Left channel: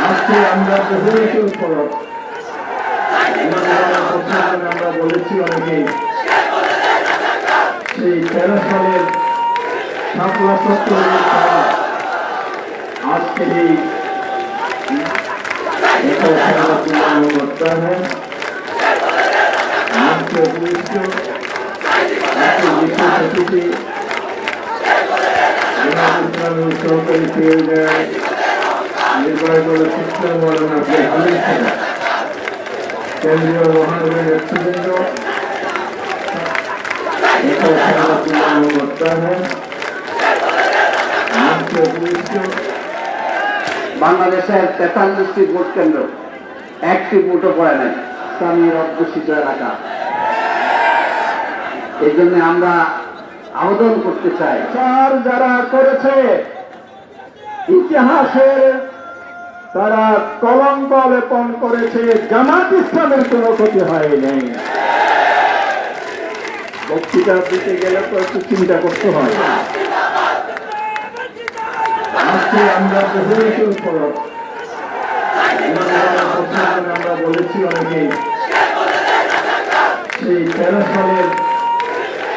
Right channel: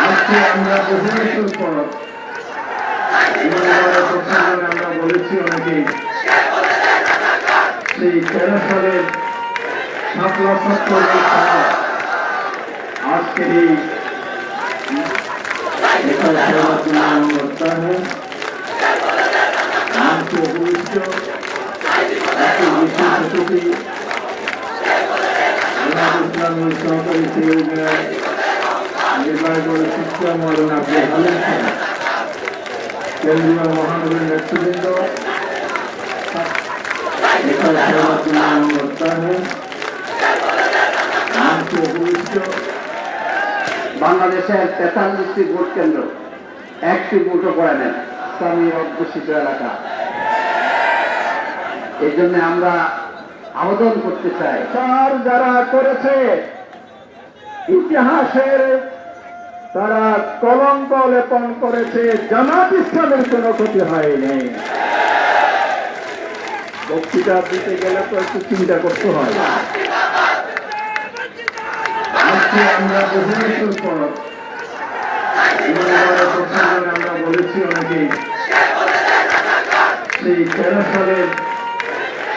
আজকে আমরা বহু বছর পর আমরা বলেছি অনেকে সেই তেরো সালের ছাত্রীদের তারা আজকে এই আজকে ইসলামের সহকারী কেন্দ্রীয় বাংলাদেশের তেতাল্লিশটি ভোট কেন্দ্র, একটি ভোটও পড়ে নাই। ইসলামী অধ্যুষিত এলাকা। এই জন্য আমরা আবেদন করতে চাই চার যারা করেছে, ইতিহাসের তারা কলঙ্ক লেপন করেছে, জামাত ইসলামের কোনো ক্ষতি হয় নাই বক্তৃতা দিতে গেলে তো একটু চিন্তা করতে হয়। আমরা আমরা বলেছি সেই তেরো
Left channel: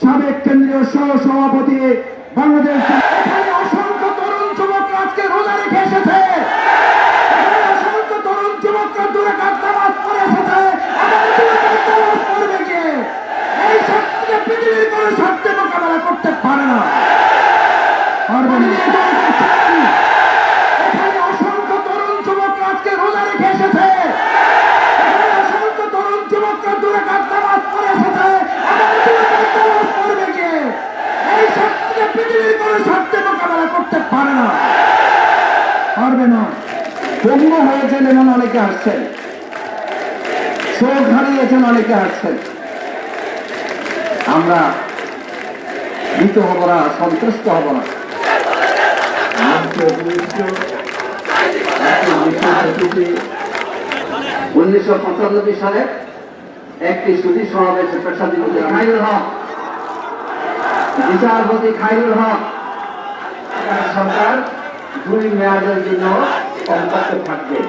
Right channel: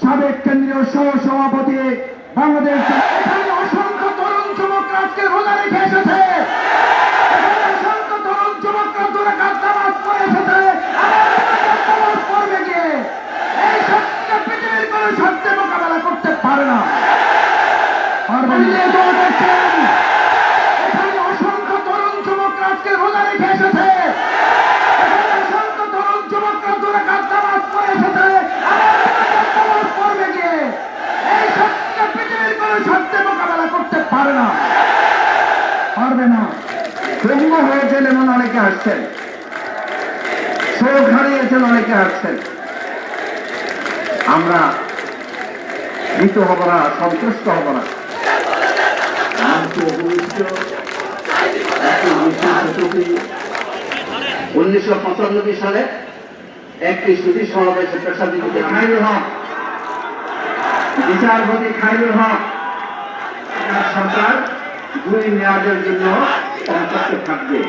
সাবেক কেন্দ্রীয় সহ সভাপতি বাংলাদেশ এখানে অসংখ্য তরুণ যুবকরা আজকে রোজা রেখে এসেছে। অসংখ্য তরুণ যুবকরা দূরে কাজ করে এসেছে। করবে গিয়ে এই শক্তিকে পৃথিবীর কোনো শক্তি মোকাবেলা করতে পারে না। পারবে না। এখানে অসংখ্য তরুণ যুবকরা আজকে রোজা রেখে এসেছে। পঙ্গু হয়েছেন এমন অনেকে আসছেন চোখ হারিয়েছেন অনেকে আসছেন আমরা ভীত হব না, সন্তুষ্ট হব না। উনিশশো পঁচানব্বই সালে একটি সুদী সমাবেশে পেশাজীবী খাইরুল হক, বিচারপতি খাইরুল হক সরকার দুই মেয়াদের জন্য কর্মকর্তা থাকবে।